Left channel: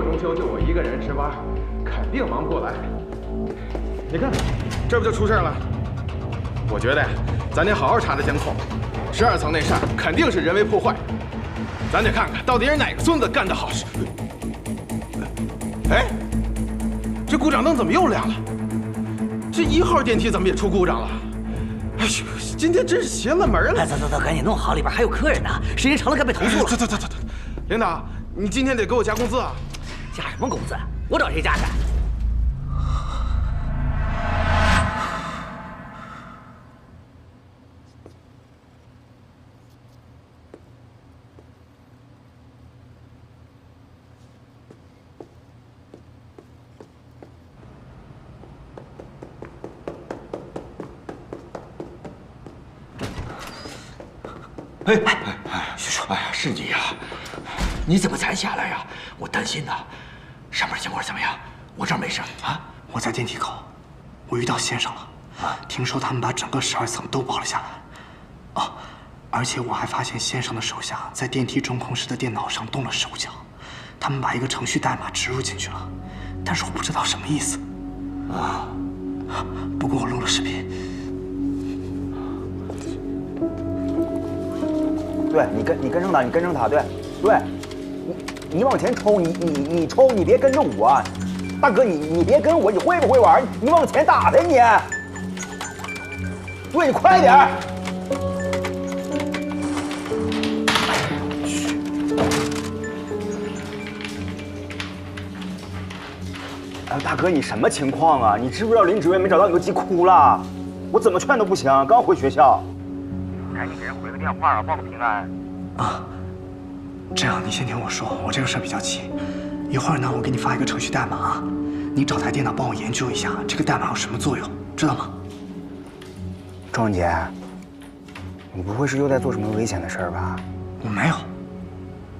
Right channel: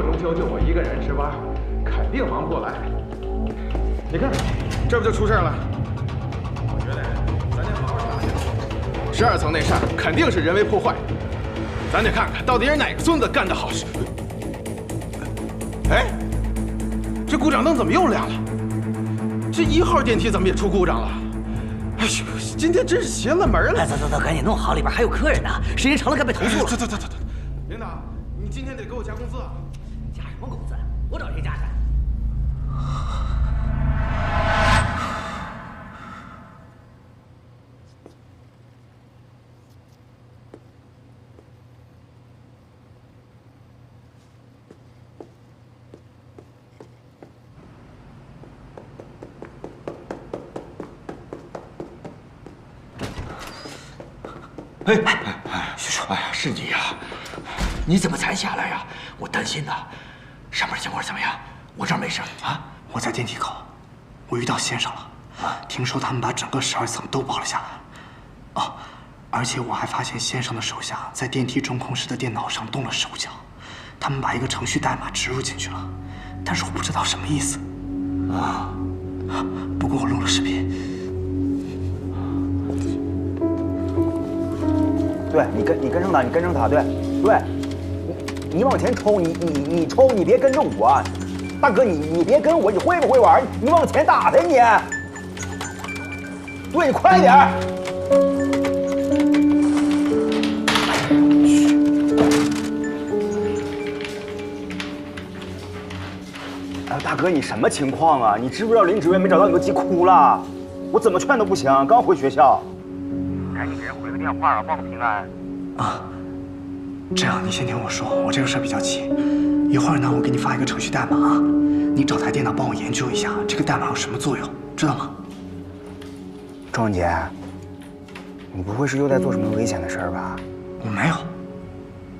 过中秋就我一个人值班，肯定忙不过来。你看，这不就出事了？我觉得呀，咱得好好查查监控。12层那扇肯定是人为破坏，咱得看看到底是哪个孙子干的好事。哎，这故障灯怎么又亮了？这1号电梯怎么也出故障了？哎呦，今天真是邪了门了！走，赶紧弄好，里边还有客人呢，时间长了该被投诉了。走，领导，你今天得给我加工资啊！加什么工资？我找谁加去？徐叔，哎呀，是你呀！你怎么才下来呀？我担心呐。上面情况怎么样？我这儿没事啊。我在电梯口，我遇到先生了。听说他们把整个12层都包了下来。哦，而且我还发现先生的手下在电梯中控室的电脑上动了手脚，他们把一个程序代码植入进去了，但是我不知道什么意思。啊，不过我录了视频。对你跟上他，你跟上他，对，你往前冲，你冲，你别跟着我，大哥你别跟我，你会不会玩？你往前打他你，对你快点。哎，大哥你什么情况啊？你知不知道林主任没找到你都急哭了，我怎么劝都不行，刚回学校。赶紧给人回个电话啊，报个平安。啊，这样你先听我说，我这个事儿比较急，一会儿呢我给你发一个程序代码，你找台电脑帮我研究一下这个代码有什么作用，知道吗？庄文杰，你不会是又在做什么危险的事儿吧？我没有，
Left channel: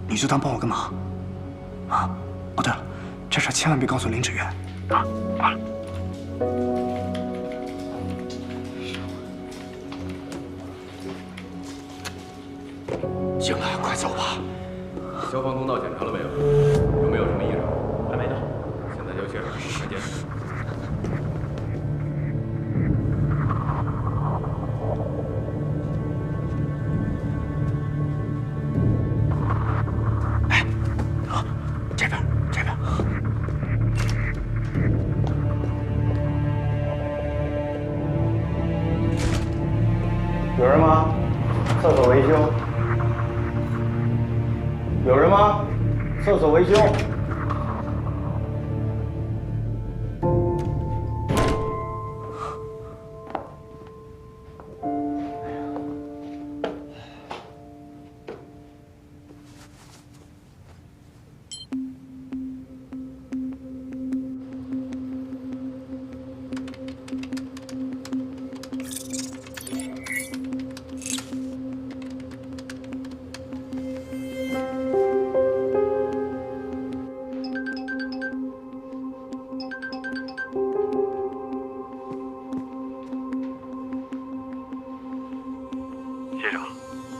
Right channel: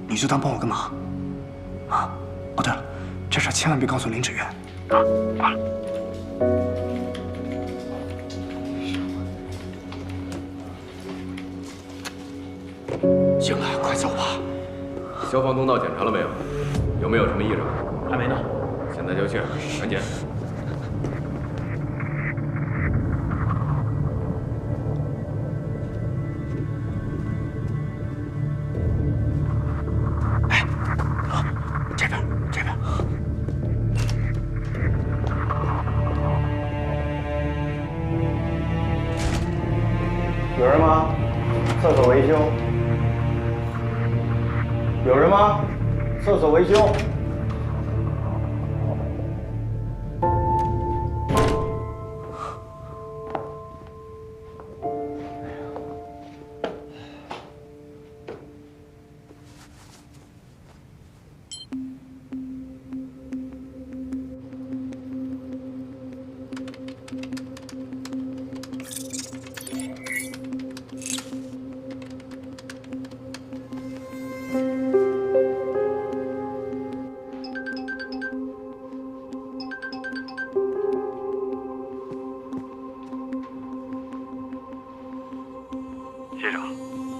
你就当帮我个忙。啊，哦对了，这事儿千万别告诉林芷月。啊，挂了。行了，快走吧。消防通道检查了没有？有没有什么异常？还没呢。现在就去，赶紧。哎，这边。有人吗？厕所维修。有人吗？厕所维修。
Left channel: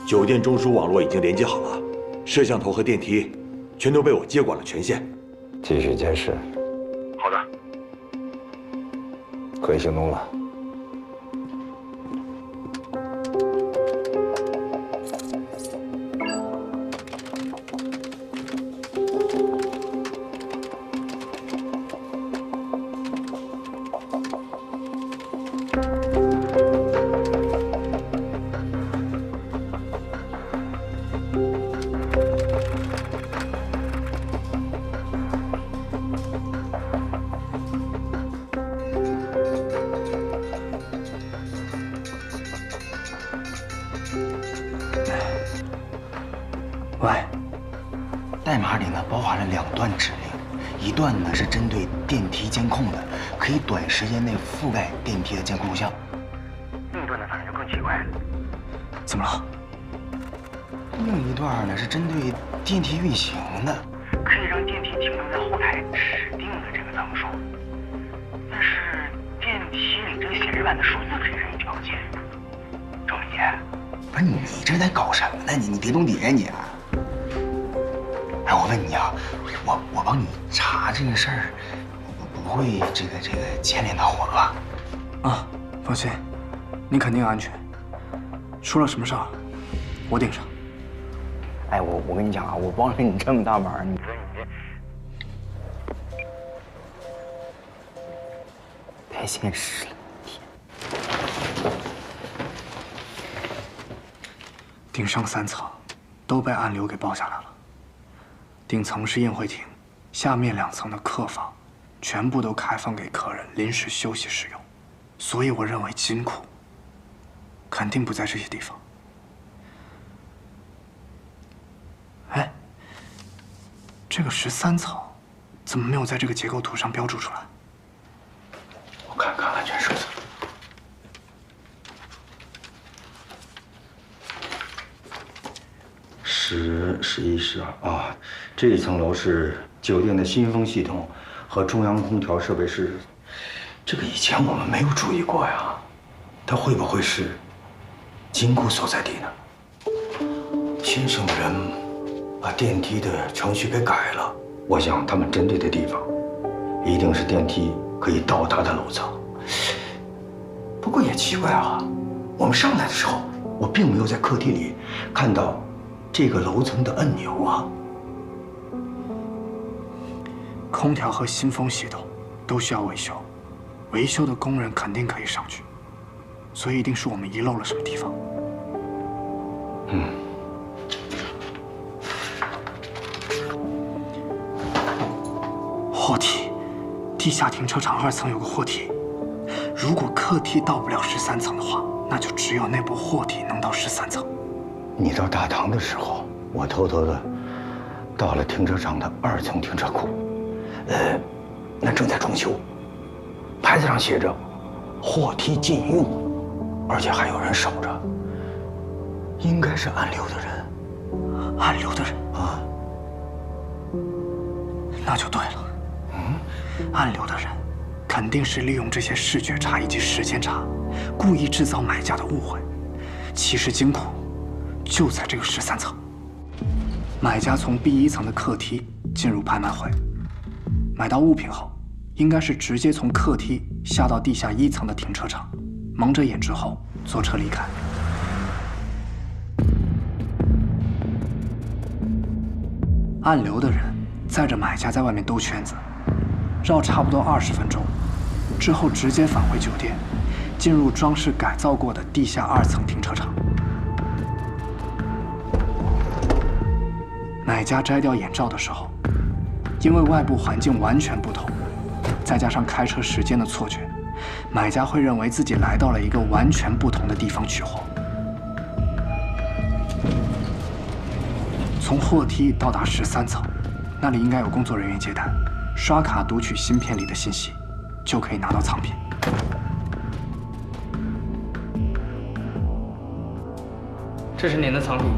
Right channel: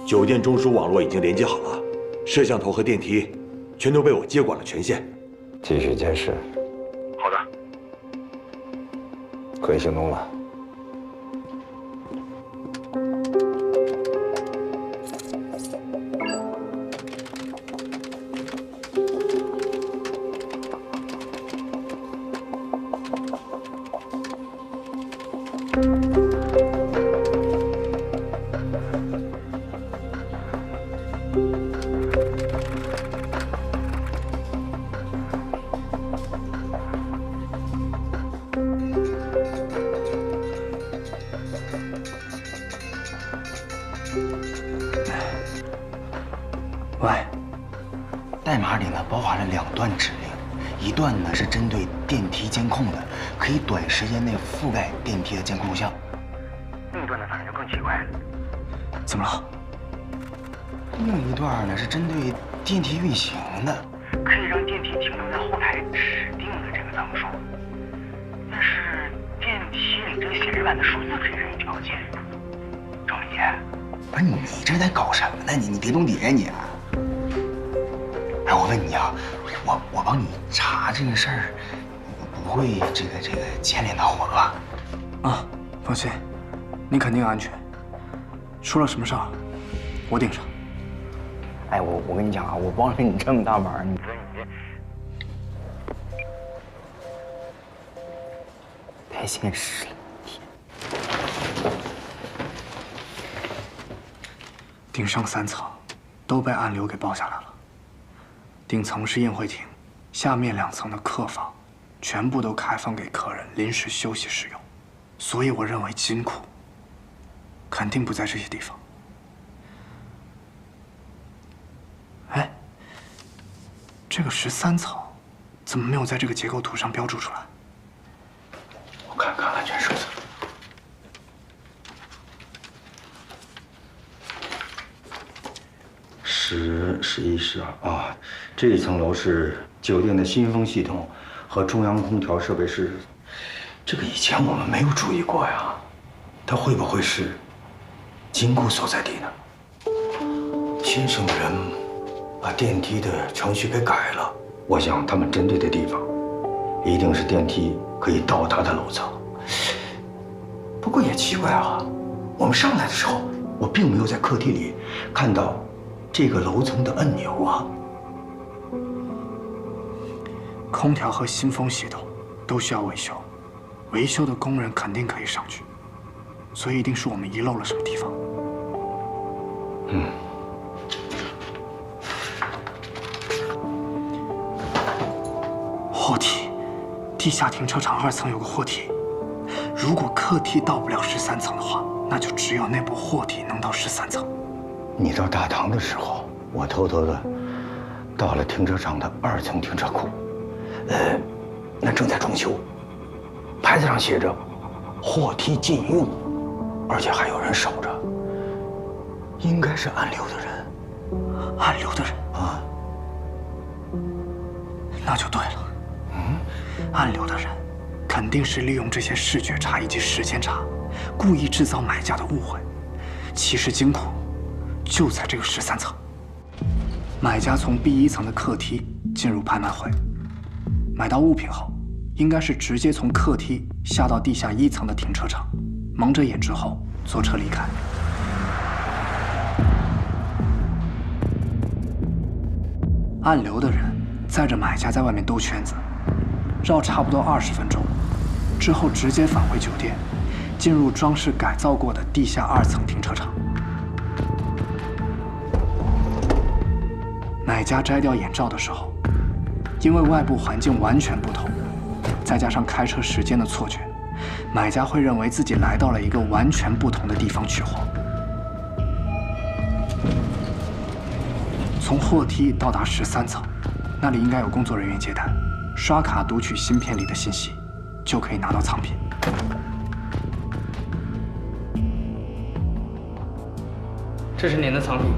酒店中枢网络已经连接好了，摄像头和电梯全都被我接管了权限。继续监视。好的，可以行动了。喂，代码里呢包含了2段指令，一段呢是针对电梯监控的，可以短时间内覆盖电梯的监控录像。另一段呢反正就更奇怪了。怎么了？另一段呢是针对电梯运行的，可以让电梯停留在后台指定的这个层数，但是电梯里这个显示板的数字可以任意调节。周文杰，不是你这在搞什么呢？你别懂底呀你！哎，我问问你啊，我帮你查这个事儿，不会这个牵连到我吧？啊，放心，你肯定安全。出了什么事儿，我顶上。哎，我跟你讲啊，我帮了你这么大忙，你说你这太现实了。顶上3层都被暗流给包下来了。顶层是宴会厅，下面2层的客房全部都开放给客人临时休息使用，所以我认为金库肯定不在这些地方。哎，这个13层怎么没有在这个结构图上标注出来？我看看安全手册。10、11、12啊，这一层楼是酒店的新风系统和中央空调设备室。这个以前我们没有注意过呀，它会不会是金库所在地呢？先生的人把电梯的程序给改了，我想他们针对的地方一定是电梯可以到达的楼层。不过也奇怪啊，我们上来的时候，我并没有在客厅里看到这个楼层的按钮啊。空调和新风系统都需要维修，维修的工人肯定可以上去，所以一定是我们遗漏了什么地方。货梯，地下停车场2层有个货梯，如果客梯到不了13层的话，那就只有那部货梯能到13层。你到大堂的时候，我偷偷的到了停车场的2层停车库，那正在装修，牌子上写着“货梯禁用”，而且还有人守着，应该是暗流的人。暗流的人啊，那就对了。暗流的人肯定是利用这些视觉差以及时间差，故意制造买家的误会。其实金库就在这个13层。买家从B1层的客梯进入拍卖会，买到物品后，应该是直接从客梯下到地下1层的停车场，蒙着眼之后坐车离开。暗流的人载着买家在外面兜圈子，绕差不多20分钟，之后直接返回酒店，进入装饰改造过的地下2层停车场。买家摘掉眼罩的时候，因为外部环境完全不同，再加上开车时间的错觉，买家会认为自己来到了一个完全不同的地方取货。从货梯到达13层，那里应该有工作人员接待，刷卡读取芯片里的信息，就可以拿到藏品。这是您的藏品。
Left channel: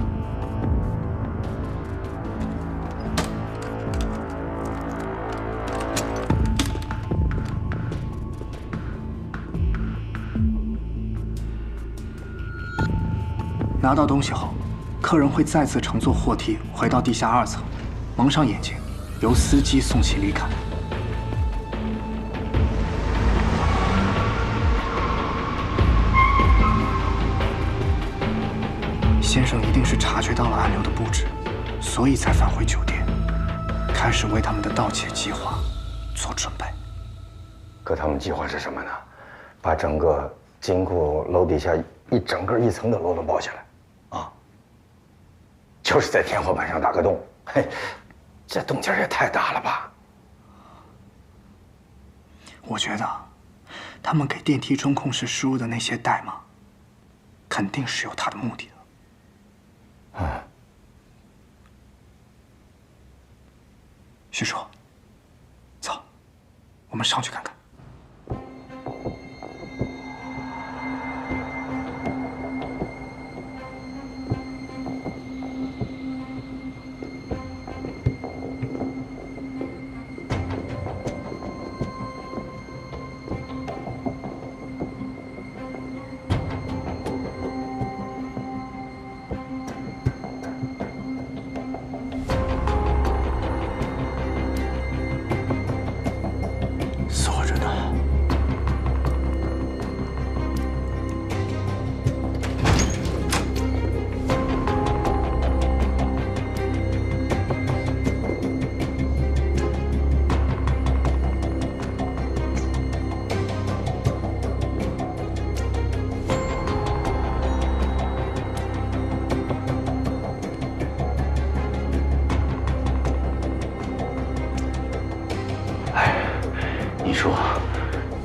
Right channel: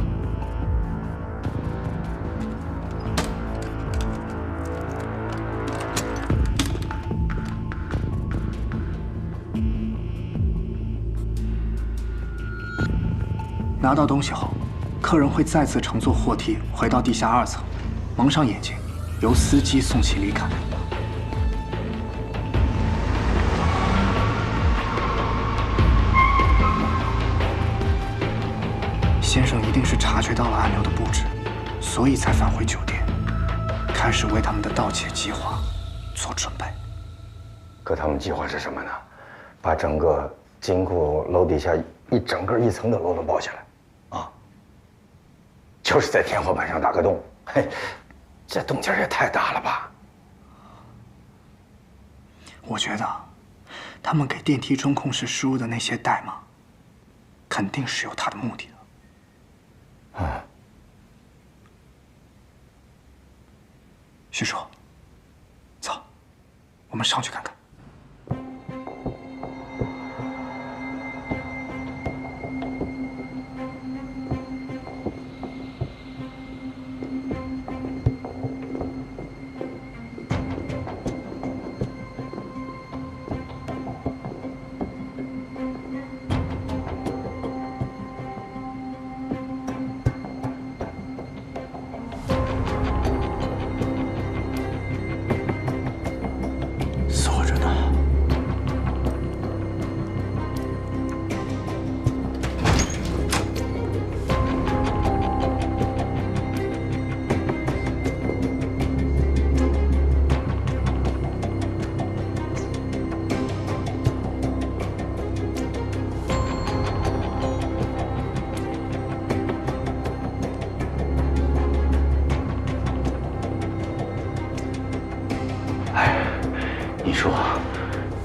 拿到东西后，客人会再次乘坐货梯回到地下2层，蒙上眼睛，由司机送其离开。先生一定是察觉到了暗流的布置，所以才返回酒店，开始为他们的盗窃计划做准备。可他们计划是什么呢？把整个金库楼底下整个1层的楼都包下来。就是在天花板上打个洞，嘿，这动静也太大了吧！我觉得，他们给电梯中控室输入的那些代码，肯定是有他的目的的。徐叔，走，我们上去看看。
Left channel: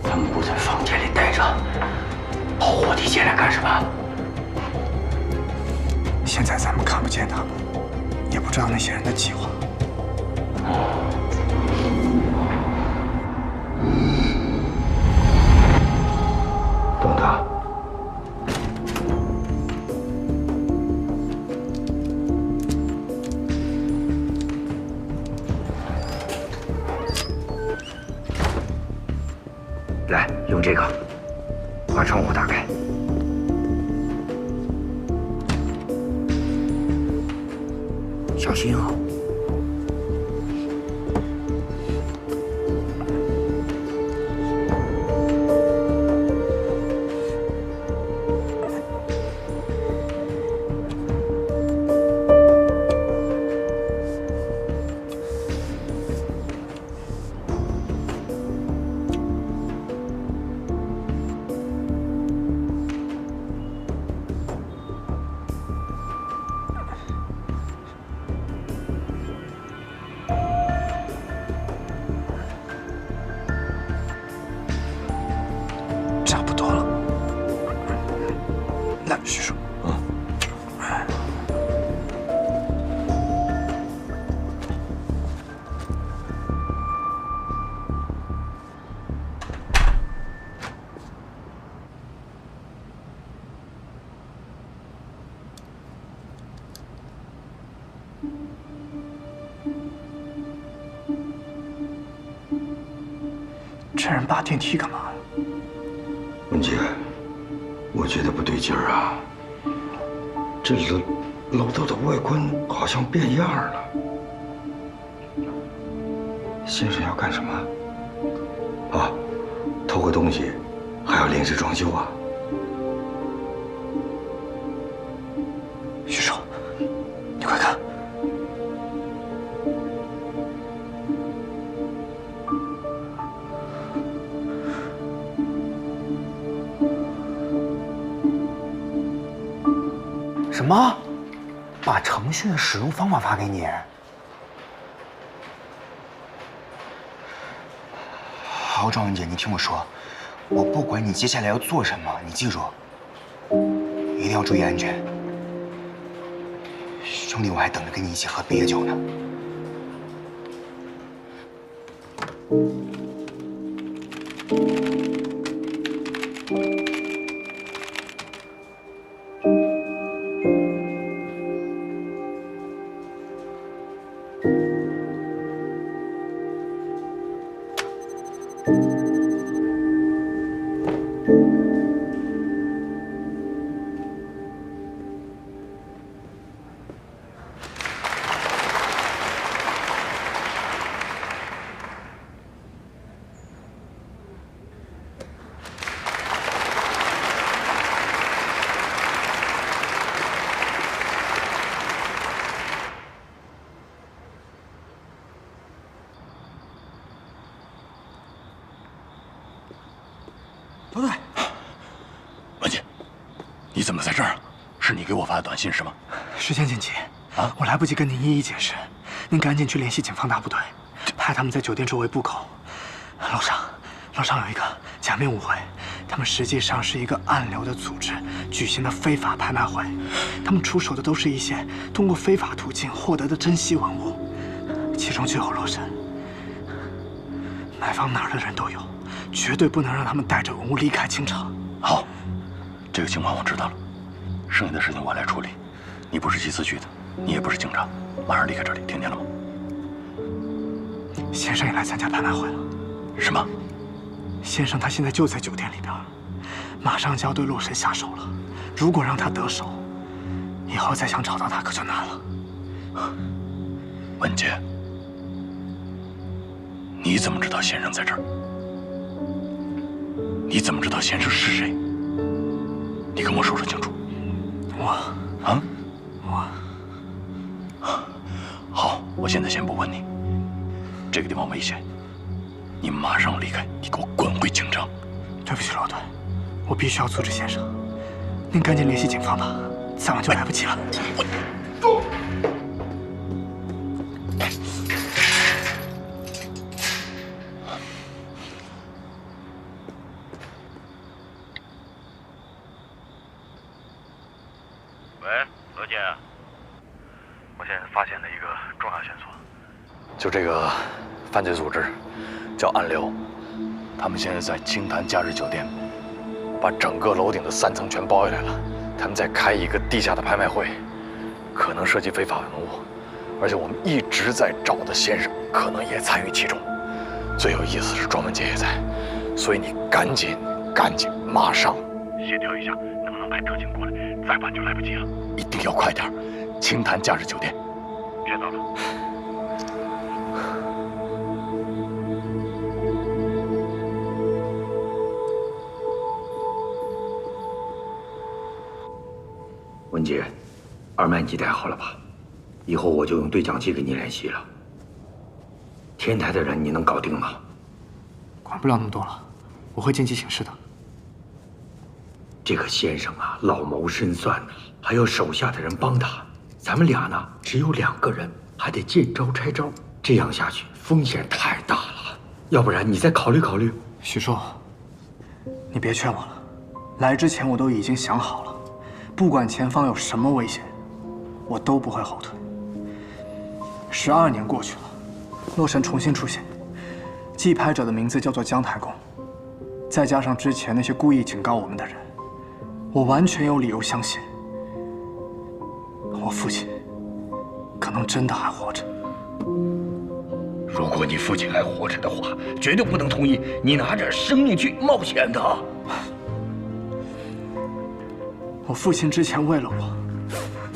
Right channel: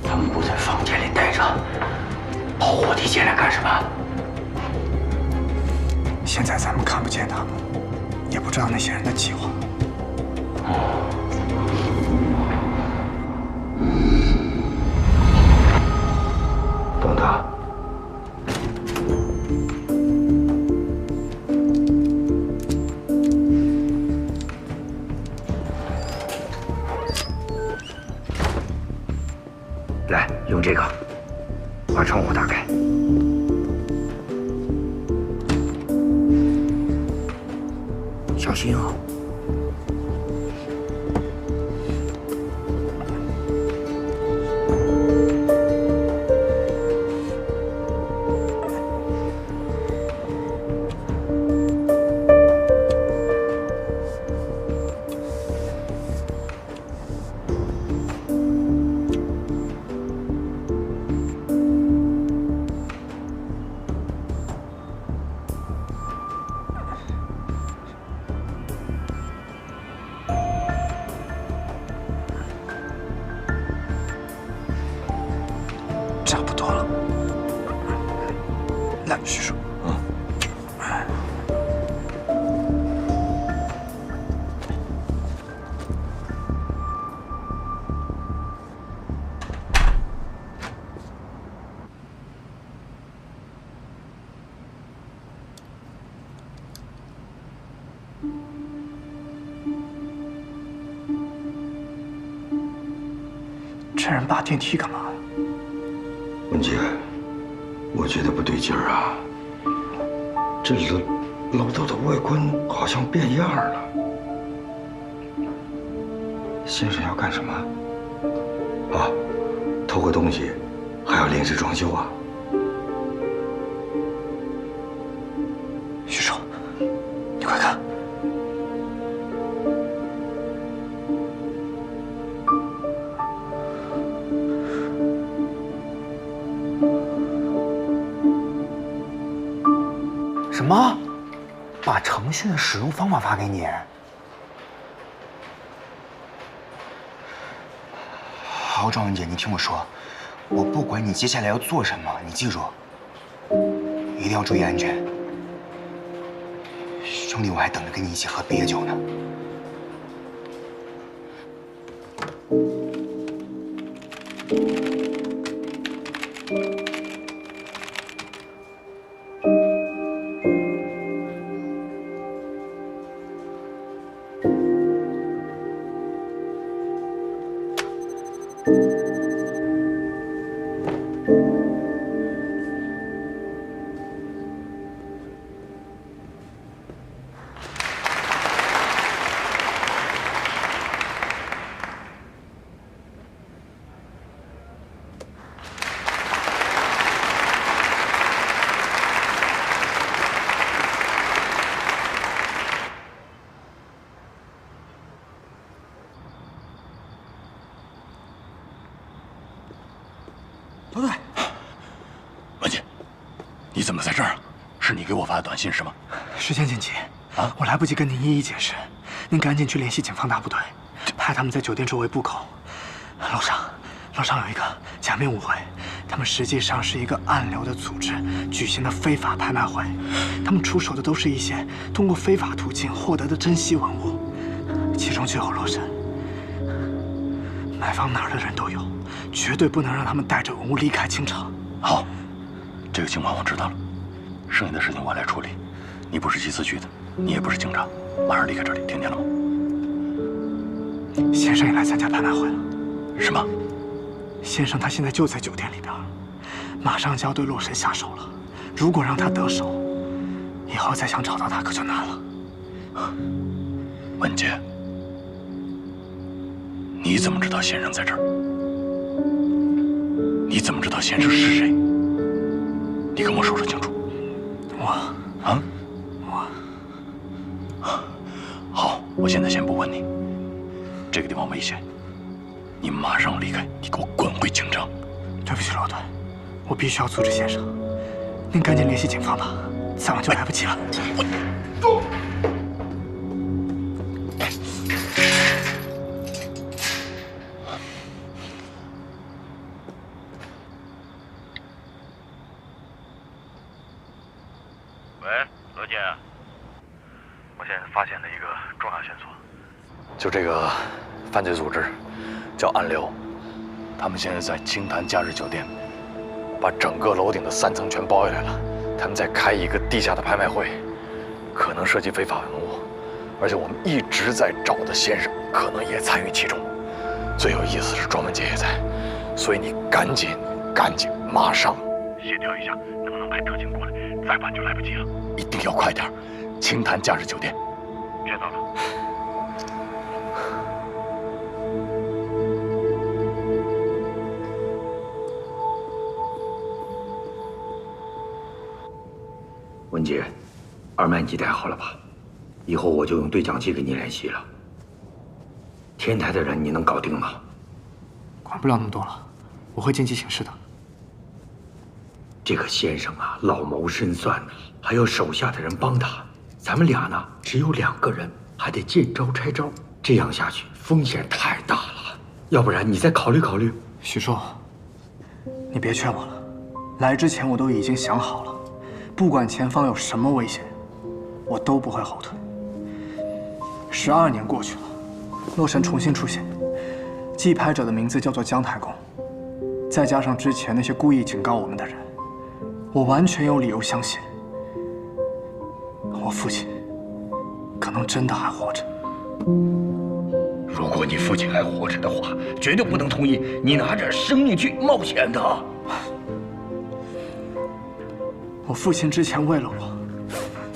他们不在房间里待着，跑火梯进来干什么？现在咱们看不见他们，也不知道那些人的计划。等等。 来，用这个把窗户打开。小心啊！差不多了。来，徐叔。这人扒电梯干嘛呀？文杰，我觉得不对劲儿啊！这楼道的外观好像变样了。先生要干什么？啊，偷个东西，还要临时装修啊？徐叔，你快看！什么？把程序的使用方法发给你？好，庄文姐，你听我说，我不管你接下来要做什么，你记住，一定要注意安全。兄弟，我还等着跟你一起喝毕业酒呢。罗队，文杰，你怎么在这儿啊？是你给我发的短信是吗？时间紧急啊，我来不及跟您一一解释，您赶紧去联系警方大部队，派他们在酒店周围布口。楼上有一个假面舞会，他们实际上是一个暗流的组织举行的非法拍卖会，他们出手的都是一些通过非法途径获得的珍稀文物，其中就有罗神。买房哪儿的人都有，绝对不能让他们带着文物离开清城。好，这个情况我知道了，剩下的事情我来处理。你不是缉私局的，你也不是警察，马上离开这里，听见了吗？先生也来参加拍卖会了。什么？先生他现在就在酒店里边，马上就要对洛神下手了。如果让他得手，以后再想找到他可就难了。文杰，你怎么知道先生在这儿？你怎么知道先生是谁？你跟我说清楚。好，我现在先不问你。这个地方危险，你马上离开，你给我滚回京城。对不起，罗队，我必须要阻止先生。您赶紧联系警方吧，再晚就来不及了。何姐，我现在发现了一个重要线索，就这个犯罪组织叫暗流，他们现在在清潭假日酒店，把整个楼顶的3层全包下来了。他们在开一个地下的拍卖会，可能涉及非法文物，而且我们一直在找的先生可能也参与其中。最有意思是庄文杰也在，所以你赶紧马上协调一下，能不能派特警过来？再晚就来不及了，一定要快点！清潭假日酒店，知道了。文杰，二麦你带好了吧？以后我就用对讲机给你联系了。天台的人你能搞定吗？管不了那么多了，我会见机行事的。这个先生啊，老谋深算呢，还有手下的人帮他。咱们俩呢，只有2个人，还得见招拆招，这样下去风险太大了。要不然你再考虑考虑。许叔，你别劝我了，来之前我都已经想好了，不管前方有什么危险，我都不会后退。12年过去了，洛神重新出现，记拍者的名字叫做姜太公，再加上之前那些故意警告我们的人，我完全有理由相信，我父亲可能真的还活着。如果你父亲还活着的话，绝对不能同意你拿着生命去冒险的。我父亲之前为了我，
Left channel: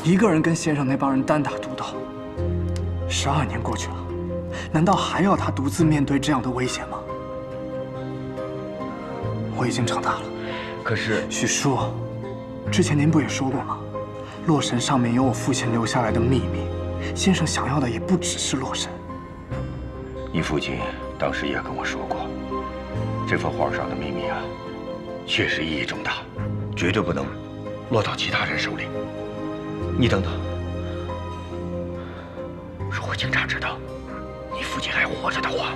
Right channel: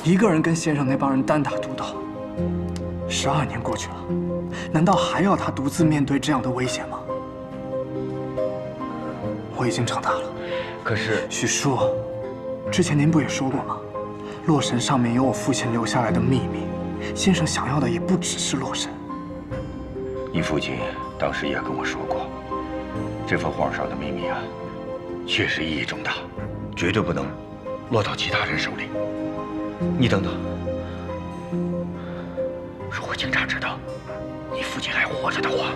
一个人跟先生那帮人单打独斗。12年过去了，难道还要他独自面对这样的危险吗？我已经长大了。可是许叔，之前您不也说过吗？洛神上面有我父亲留下来的秘密，先生想要的也不只是洛神。你父亲当时也跟我说过，这幅画上的秘密啊，确实意义重大，绝对不能落到其他人手里。你等等，如果警察知道你父亲还活着的话，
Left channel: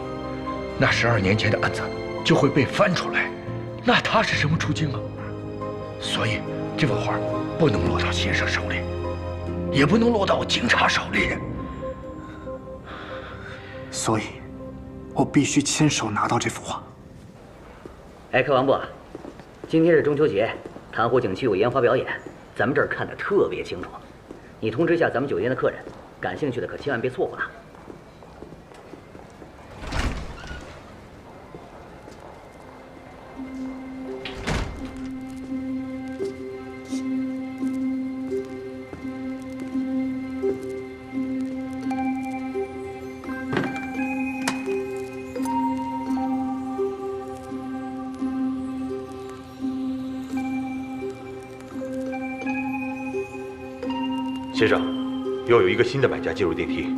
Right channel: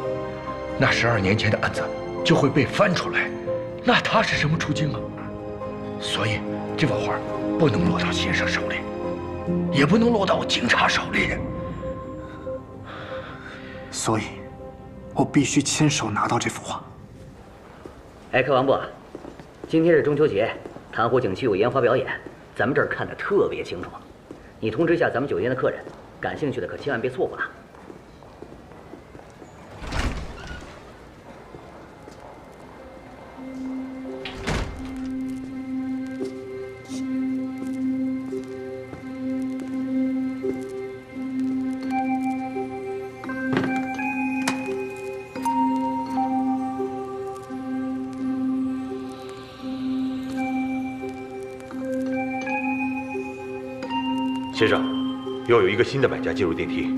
那12年前的案子就会被翻出来，那他是什么处境啊？所以这幅画不能落到先生手里，也不能落到警察手里。所以，我必须亲手拿到这幅画。哎，柯王部，今天是中秋节，潭湖景区有烟花表演，咱们这儿看得特别清楚。你通知一下咱们酒店的客人，感兴趣的可千万别错过了。先生，又有一个新的买家进入电梯，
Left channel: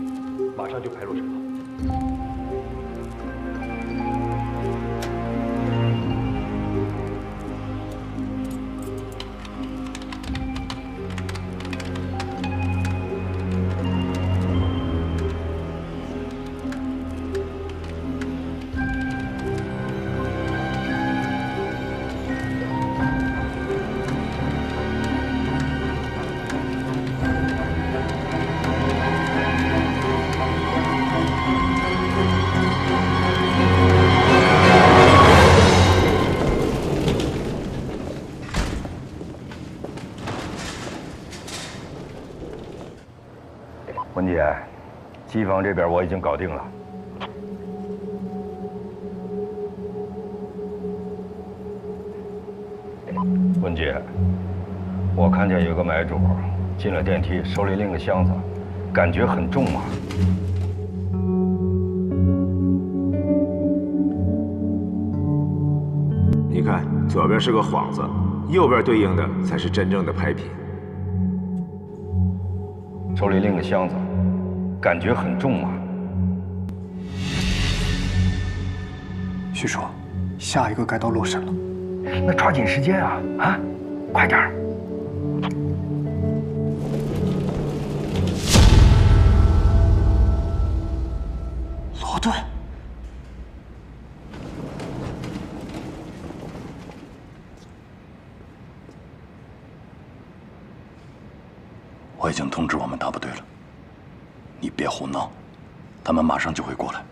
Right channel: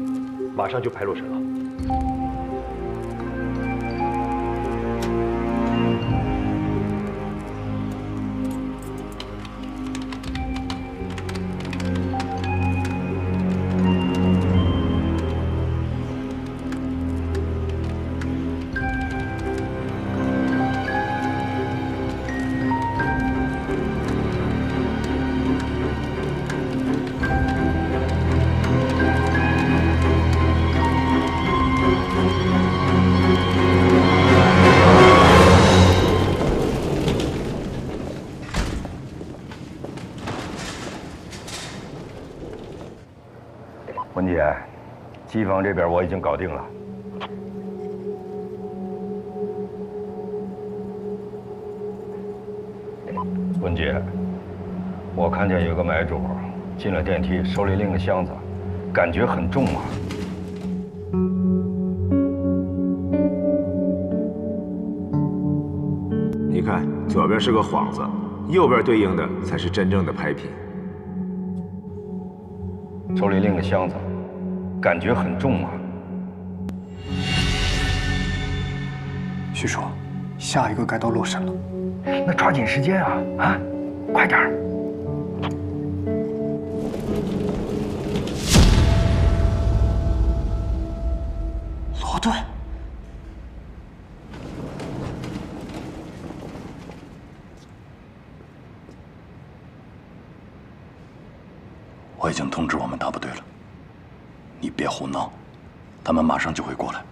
马上就拍洛神了。文姐，机房这边我已经搞定了。文姐，我看见有个买主进了电梯，手里拎个箱子，感觉很重啊。你看，左边是个幌子，右边对应的才是真正的拍品。手里拎个箱子，感觉很重啊。许叔，下一个该到洛神了。那抓紧时间啊！啊，快点儿！罗顿。我已经通知我们大部队了，你别胡闹，他们马上就会过来。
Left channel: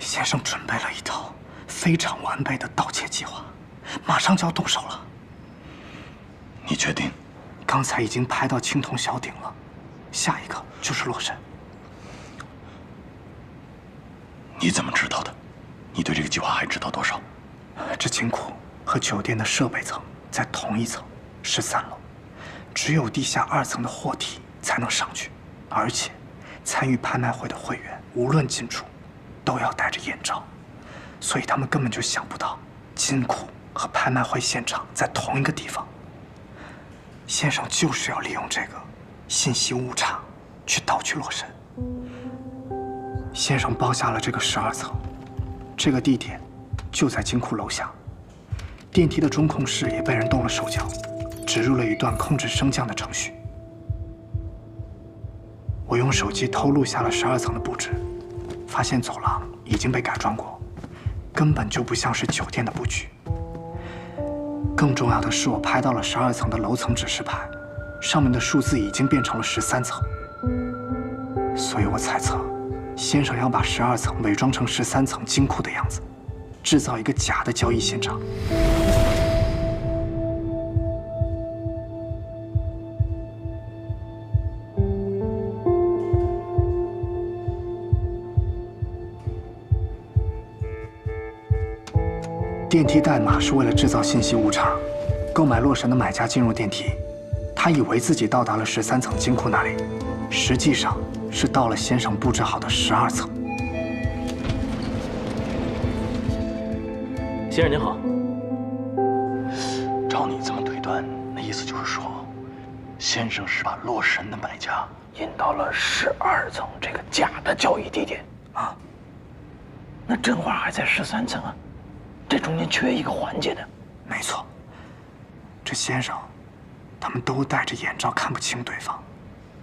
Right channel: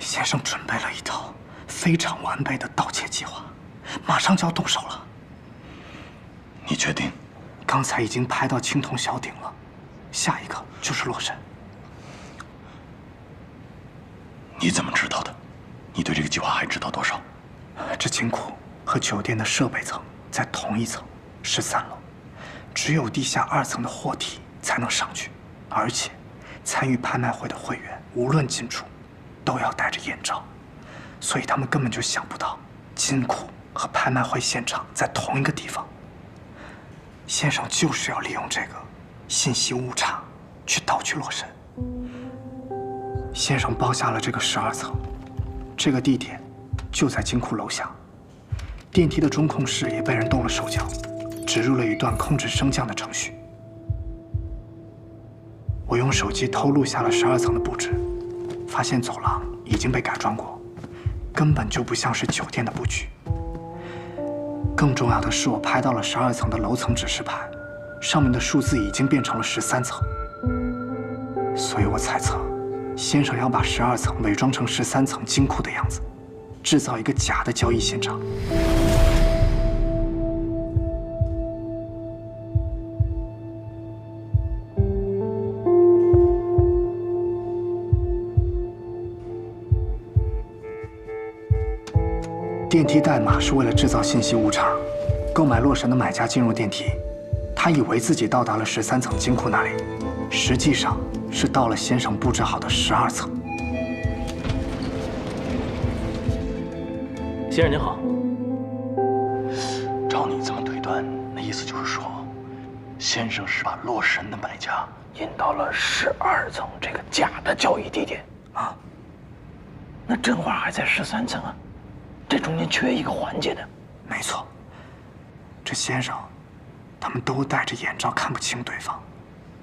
先生准备了一套非常完备的盗窃计划，马上就要动手了。你确定？刚才已经拍到青铜小鼎了，下一个就是洛神。你怎么知道的？你对这个计划还知道多少？这金库和酒店的设备层在同一层，13楼，只有地下2层的货梯才能上去，而且参与拍卖会的会员无论进出都要戴着眼罩，所以他们根本就想不到金库和拍卖会现场在同一个地方。先生就是要利用这个信息误差去盗取洛神。先生包下了这个12层，这个地点就在金库楼下。电梯的中控室也被人动了手脚，植入了一段控制升降的程序。我用手机偷录下了12层的布置，发现走廊已经被改装过，根本就不像是酒店的布局。更重要的是，我拍到了12层的楼层指示牌，上面的数字已经变成了13层。所以我猜测，先生要把12层伪装成13层金库的样子，制造一个假的交易现场。电梯代码是为了制造信息误差。购买洛神的买家进入电梯，他以为自己到达了13层金库那里，实际上是到了先生布置好的12层。先生您好。照你这么推断，那意思就是说，先生是把洛神的买家引到了12层这个假的交易地点啊。那真话还在13层啊，这中间缺一个环节的。没错，这先生他们都戴着眼罩，看不清对方，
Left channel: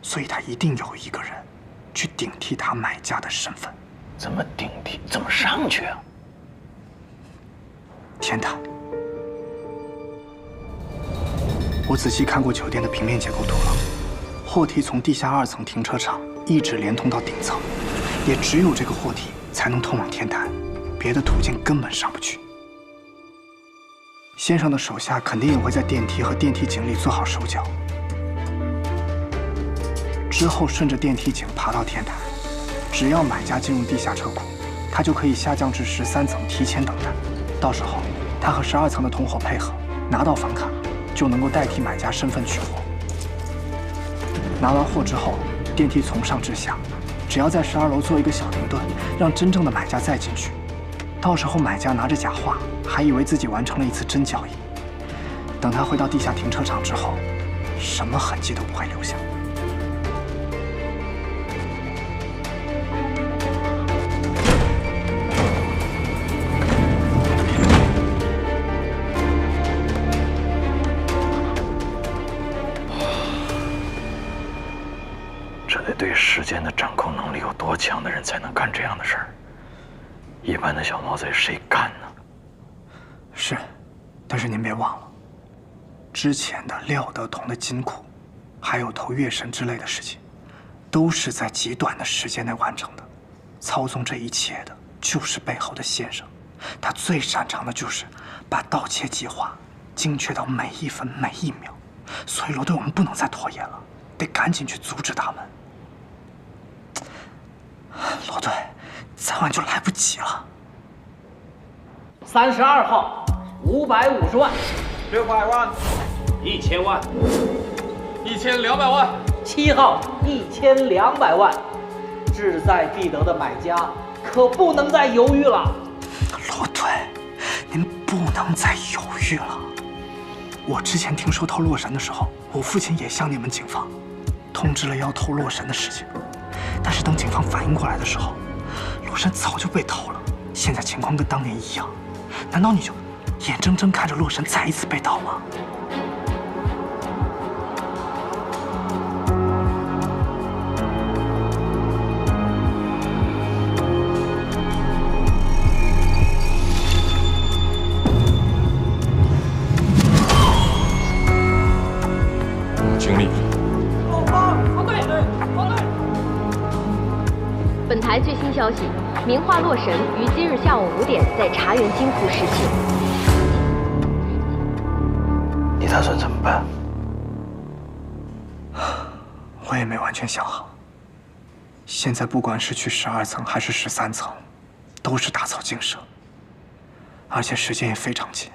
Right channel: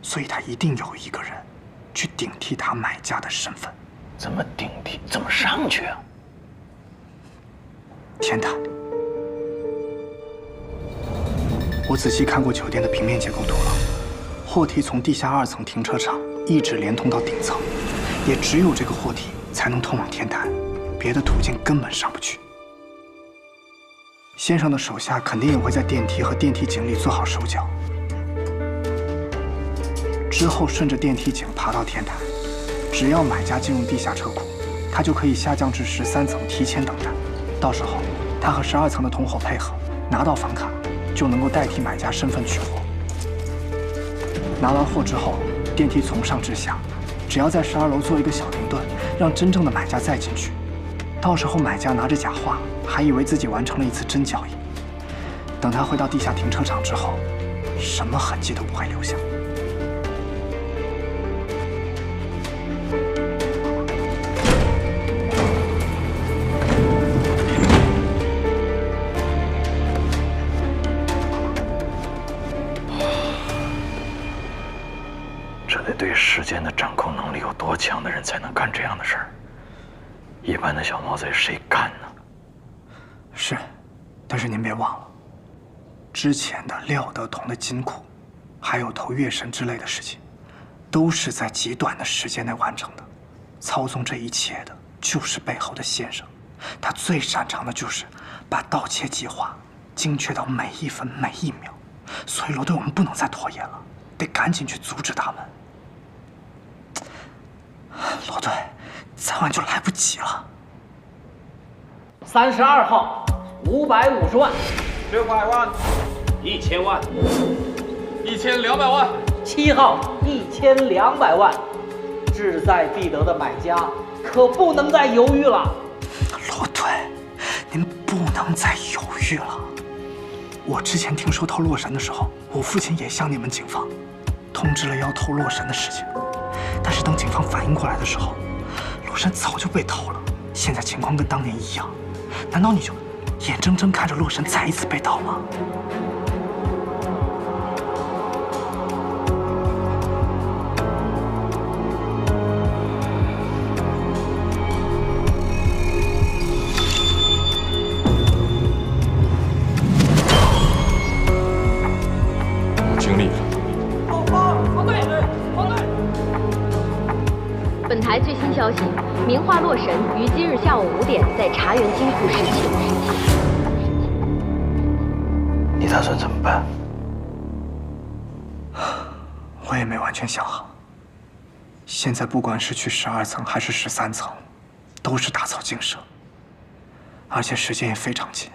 所以他一定有一个人去顶替他买家的身份。怎么顶替？怎么上去啊？天台，我仔细看过酒店的平面结构图了，货梯从地下2层停车场一直连通到顶层，也只有这个货梯才能通往天台，别的途径根本上不去。先生的手下肯定也会在电梯和电梯井里做好手脚，之后顺着电梯井爬到天台。只要买家进入地下车库，他就可以下降至13层提前等待。到时候他和12层的同伙配合，拿到房卡，就能够代替买家身份取货。拿完货之后，电梯从上至下，只要在12楼做一个小停顿，让真正的买家再进去。到时候买家拿着假话，还以为自己完成了一次真交易。等他回到地下停车场之后，什么痕迹都不会留下。这得对时间的掌控能力有多强的人才能干这样的事儿？一般的小毛贼谁干呢？是，但是您别忘了，之前的廖德同的金库，还有投月神之类的事情，都是在极短的时间内完成的。操纵这一切的就是背后的先生，他最擅长的就是把盗窃计划精确到每一分每一秒。所以罗队，我们不能再拖延了，得赶紧去阻止他们。罗队，再晚就来不及了。32号550万，600万，1000万，1200万，7号1200万，志在必得的买家可不能再犹豫了。罗队，您不能再犹豫了。我之前听说偷洛神的时候，我父亲也向你们警方通知了要偷洛神的事情，但是等警方反应过来的时候，洛神早就被偷了。现在情况跟当年一样，难道你就眼睁睁看着洛神再一次被盗吗？尽力了。后方，防本台最新消息：名画《洛神》于今日下午5点在茶园金库失窃。你打算怎么办？我也没完全想好。现在不管是去12层还是13层，都是打草惊蛇，而且时间也非常紧。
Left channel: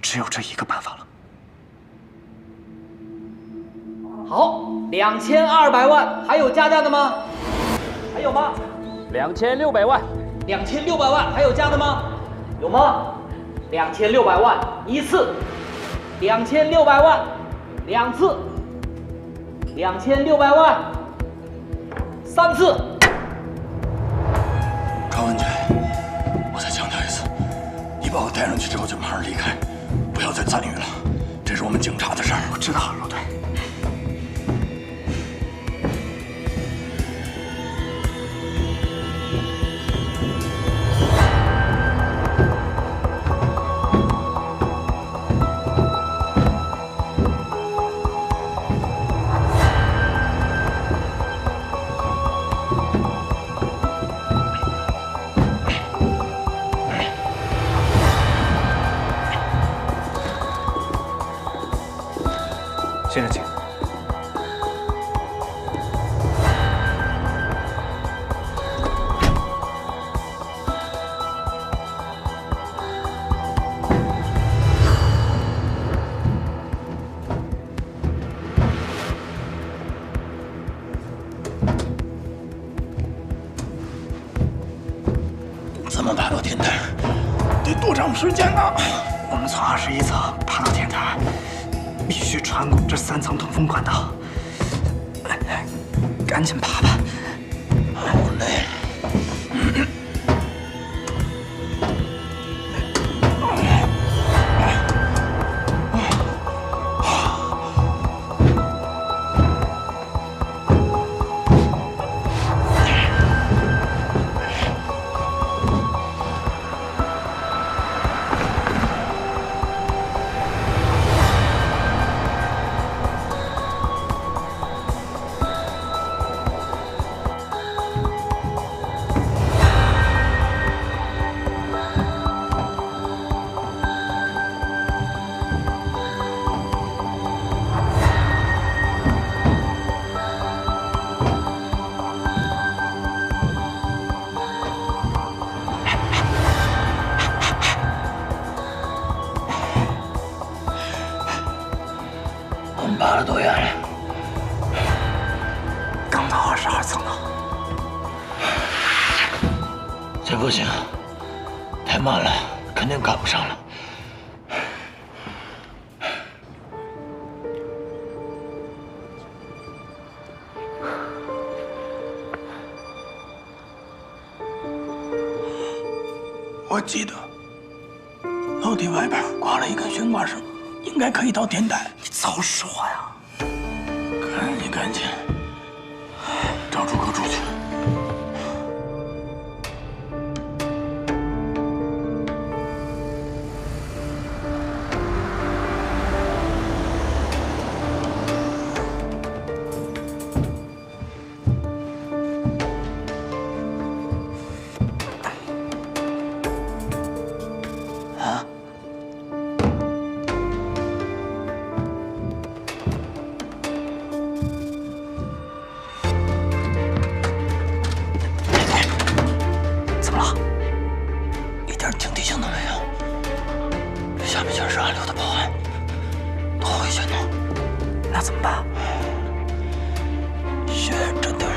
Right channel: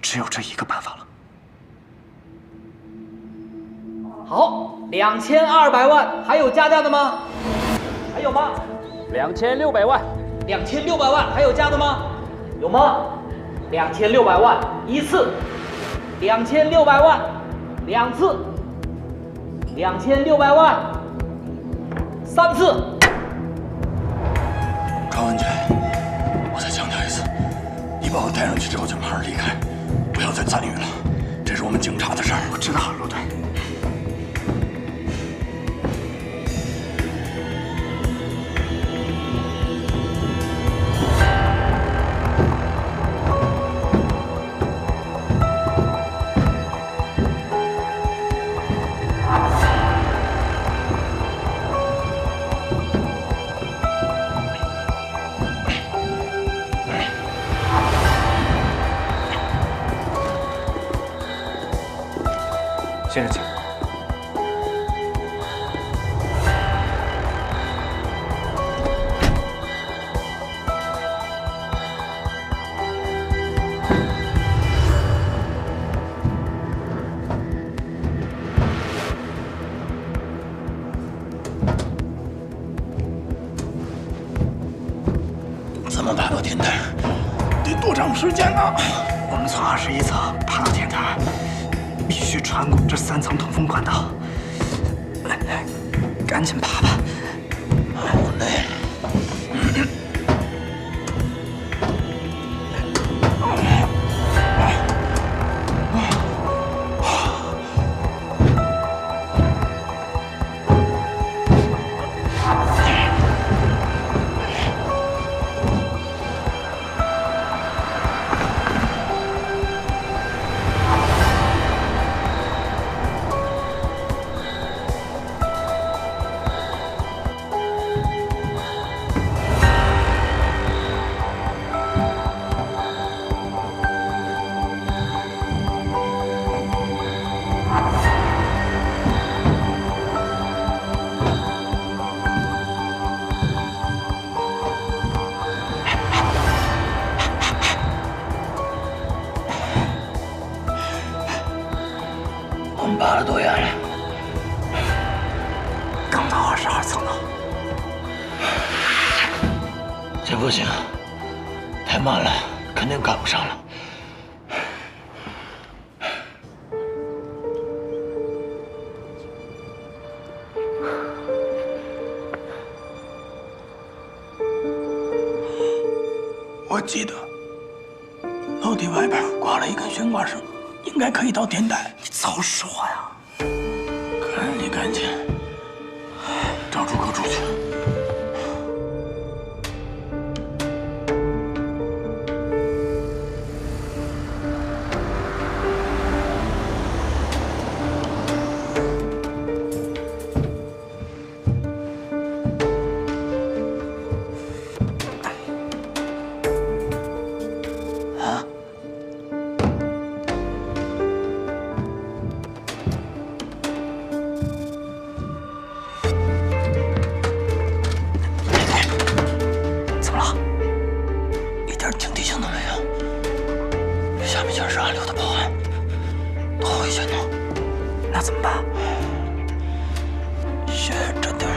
只有这一个办法了。好，2200万，还有加价的吗？还有吗？2600万。2600万，还有加的吗？有吗？2600万一次，2600万2次，2600万3次。高文杰，我再强调一次，你把我带上去之后就马上离开，不要再参与了，这是我们警察的事儿。我知道，陆队。先生，请。怎么爬到天台？得多长时间呢？我们从21层爬到天台。必须穿过这3层通风管道，赶紧爬吧。好累。我们爬了多远了？刚到22层呢。这不行，太慢了，肯定赶不上了。我记得楼梯外边挂了一根悬挂绳，应该可以到天台。你早说呀！赶紧找出口出去。啊？怎么了？一点警惕性都没有。这下面全是暗流的报案，多危险呢！那怎么办？先站点儿。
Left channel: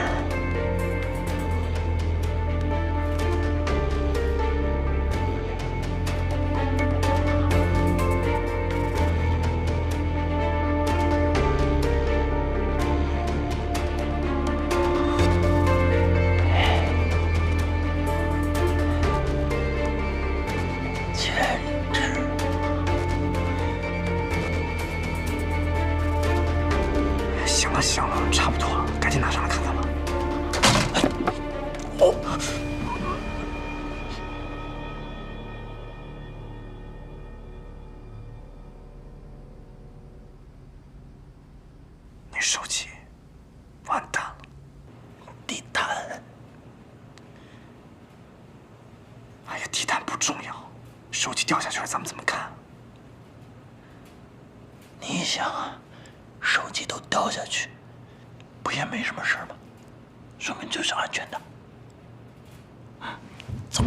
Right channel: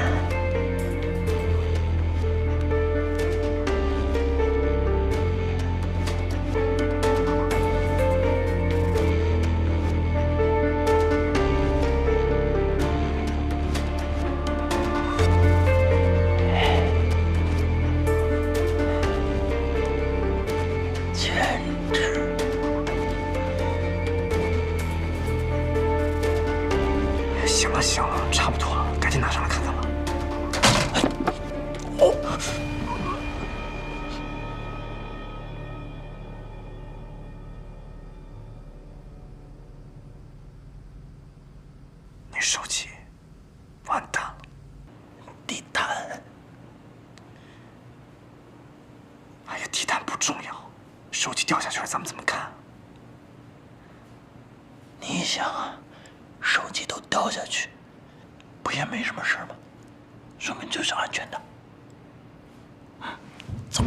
行了，差不多了，赶紧拿上来看看吧。重要，手机掉下去了，咱们怎么看？你想啊，手机都掉下去，不也没什么事吗？说明这是安全的。走。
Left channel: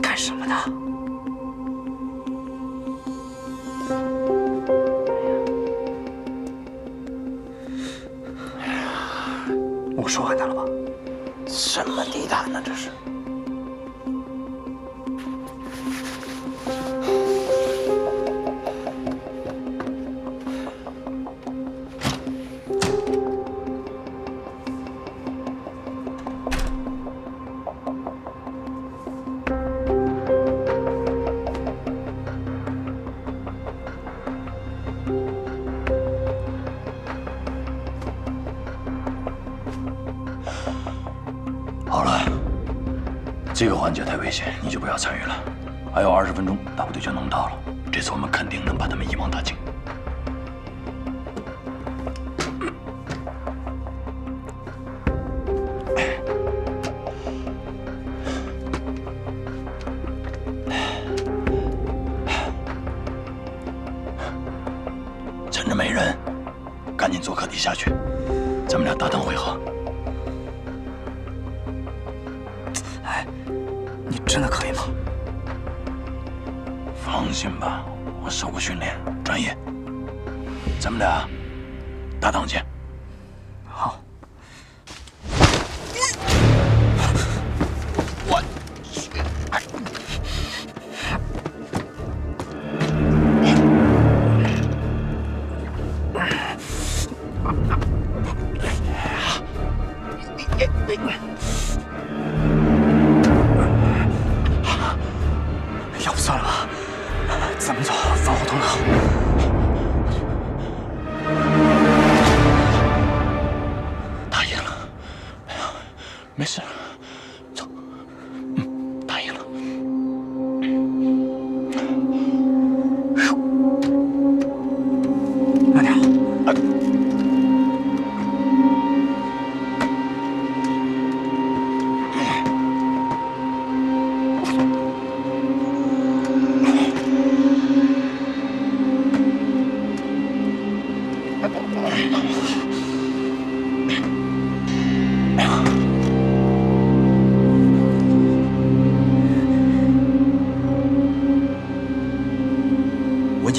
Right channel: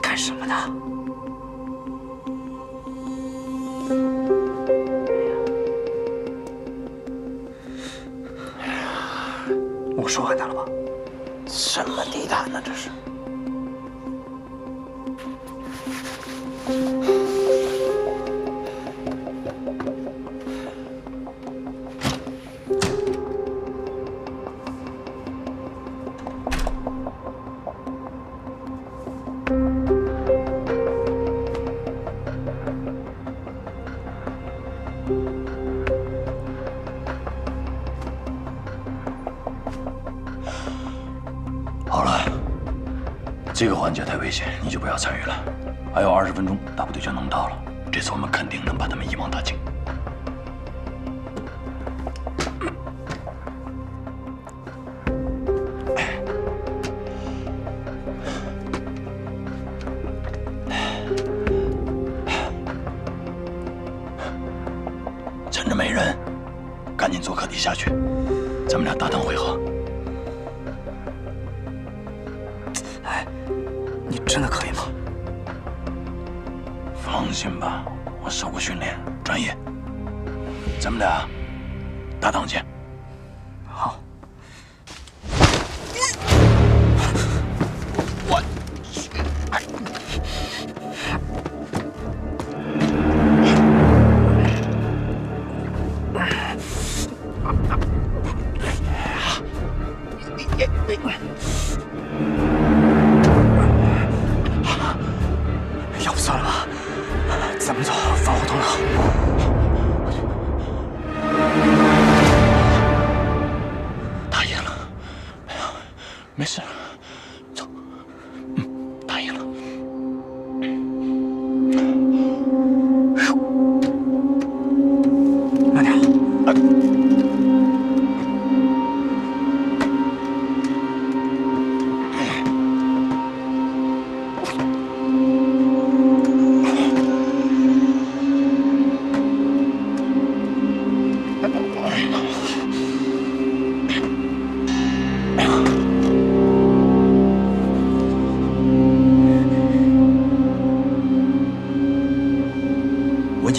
干什么呢？我说完他了吧？什么地毯呢？这是。好了，这个环节太危险，你就不要参与了。还有20分钟，大部队就能到了。这次我们肯定能把他们一网打尽。趁着没人，赶紧坐客梯下去，咱们俩搭档会合。你真的可以吗？放心吧，我受过训练，专业。咱们俩搭档见。好。我要不算了吧，咱们走，防火通道。答应了，没事，走。答应了。慢点。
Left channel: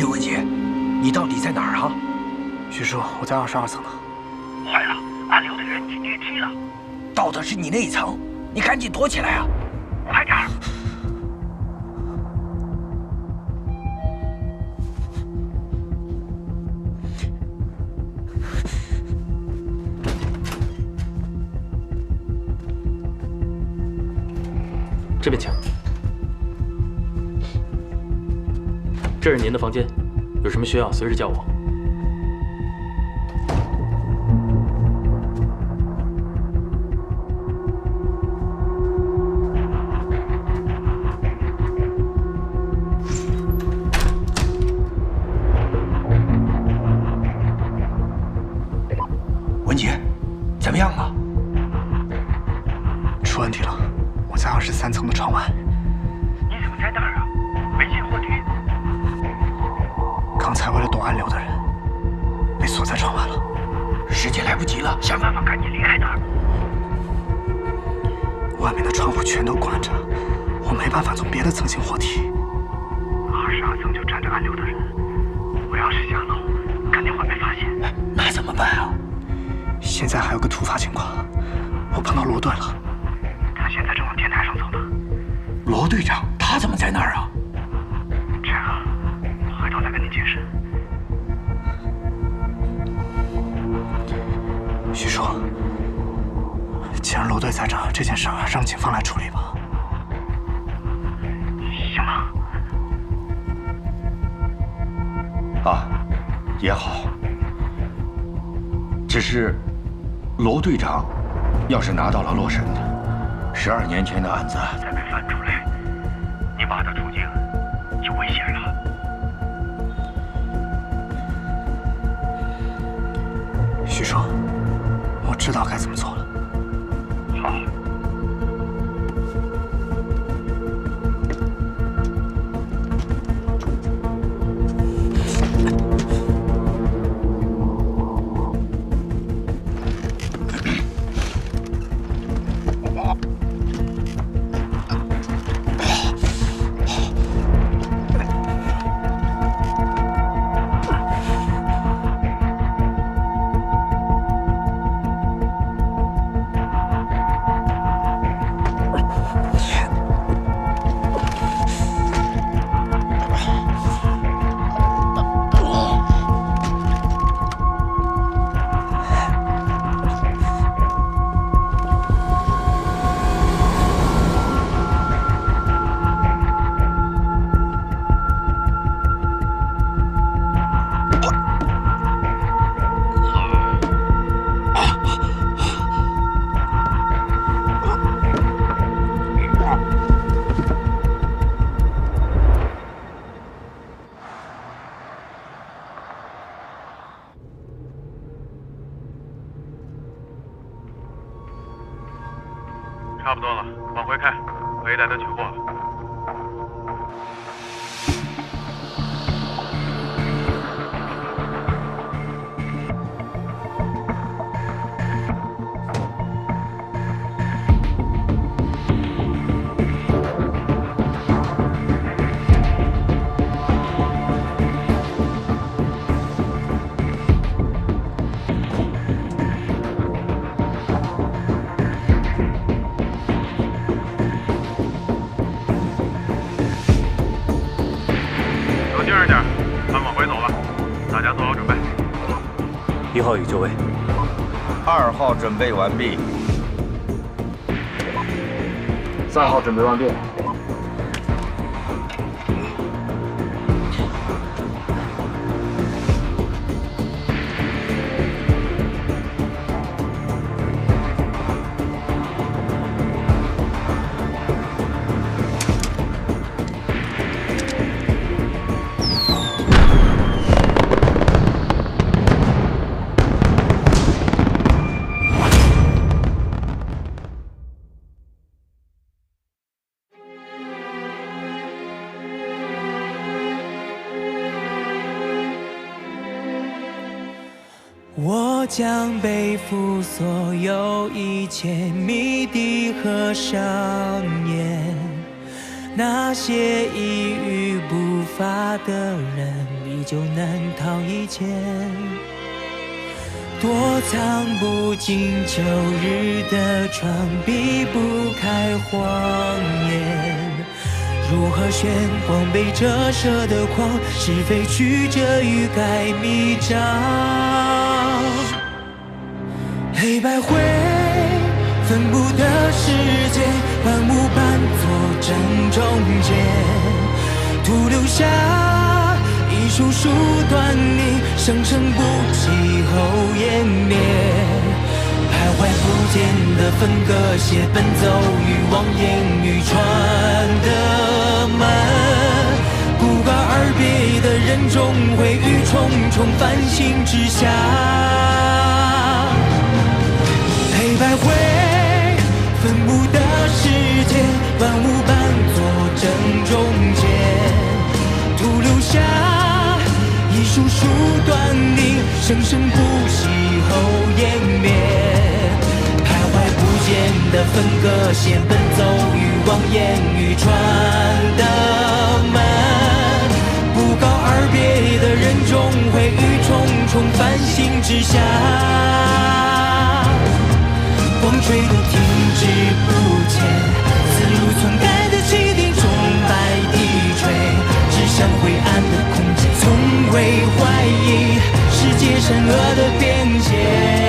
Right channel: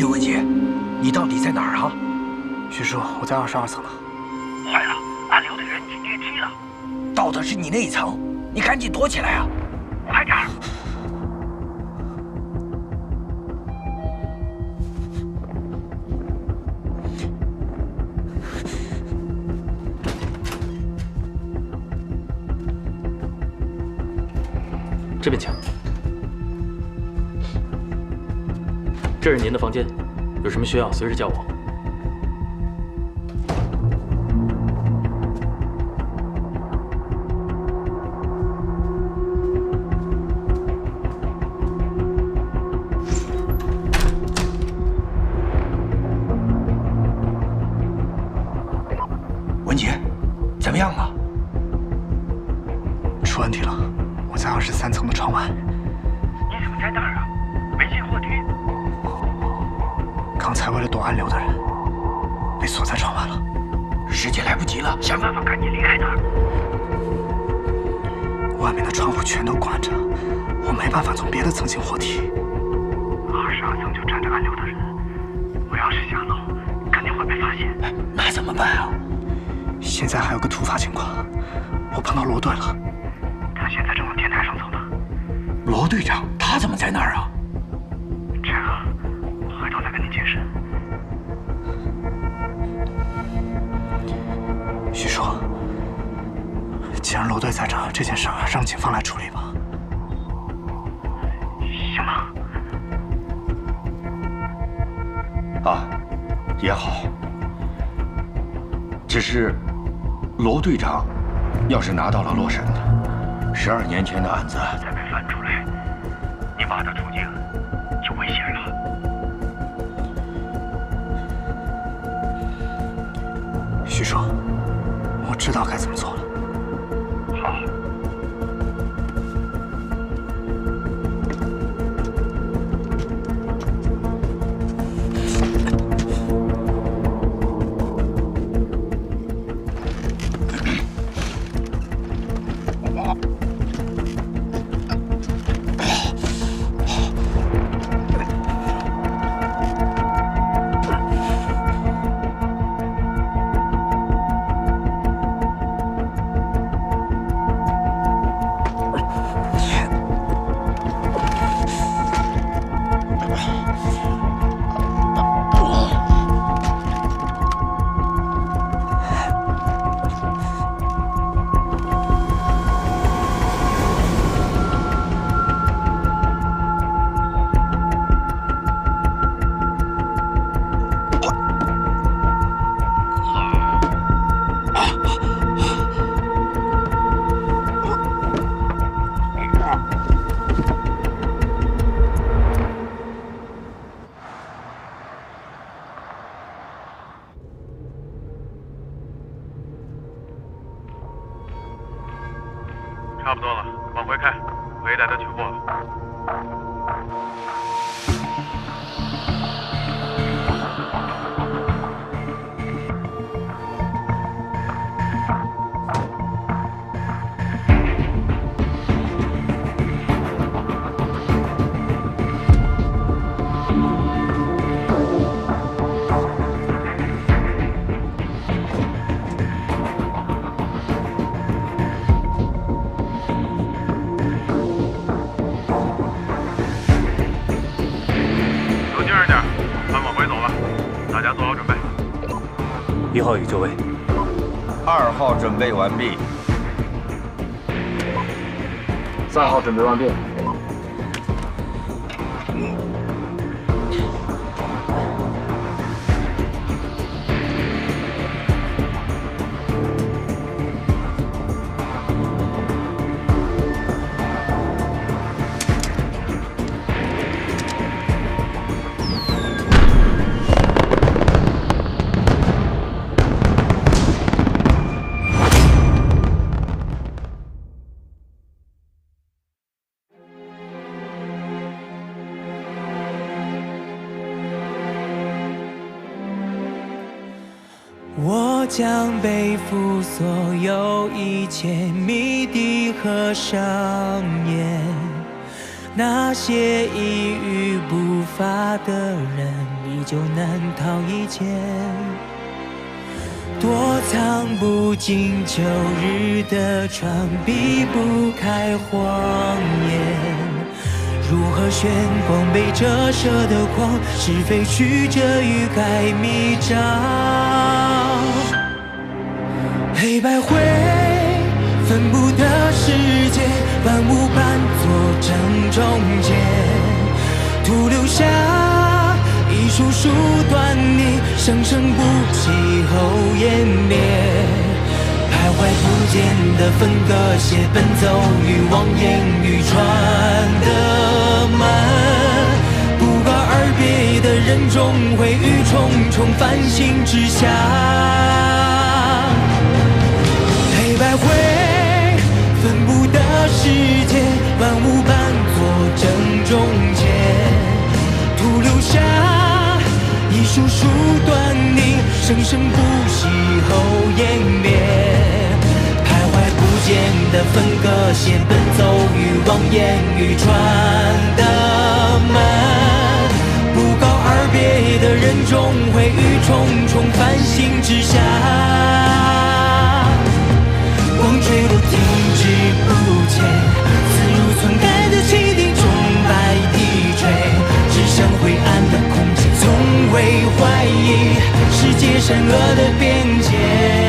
文杰，你到底在哪儿啊？徐叔，我在22层呢。坏了，暗流的人进电梯了。到的是你那一层，你赶紧躲起来啊！快点儿！这边请。这是您的房间，有什么需要随时叫我。文杰，怎么样啊？出问题了，我在23层的窗外。你怎么在那儿啊？没进货梯。刚才为了躲暗流的人，被锁在窗外了。时间来不及了，想办法赶紧离开那儿。外面的窗户全都关着，我没办法从别的层进货梯。22层就站着暗流的人，我要是下楼，肯定会被发现。那怎么办啊？现在还有个突发情况，我碰到罗队了，他现在正往天台上走呢。罗队长，他怎么在那儿啊？这个，回头再跟你解释。徐叔，既然罗队在这，这件事让警方来处理吧。啊，也好。只是，罗队长要是拿到了洛神12年前的案子再被翻出来，你爸的处境就危险了。徐叔，我知道该怎么做了。好。差不多了，往回开，可以带他取货了。精神点，咱往回走了，大家做好准备。1号已就位，2号准备完毕，3号准备完毕。我将背负所有一切谜底和上演，那些一语不发的人依旧难逃一劫，躲藏不进旧日的窗，避不开谎言。如何炫光被折射的光，是非曲折欲盖弥彰。黑白灰分不得世界，万物伴作正中间，徒留下一束束端倪，生生不息后湮灭。徘徊不见的分割线，奔走于望眼欲穿的门，不告而别的人终会于重重繁星之下。黑白灰分不得世界，万物伴作正中间，徒留下一束束端倪，生生不息后湮灭。徘徊不见的分割线，奔走于望眼欲穿的门，不告而别的人终会于重重繁星之下。光坠落停滞不前，自如篡改的汽笛钟摆低垂，指向灰暗的空间，从未怀疑世界善恶的边界。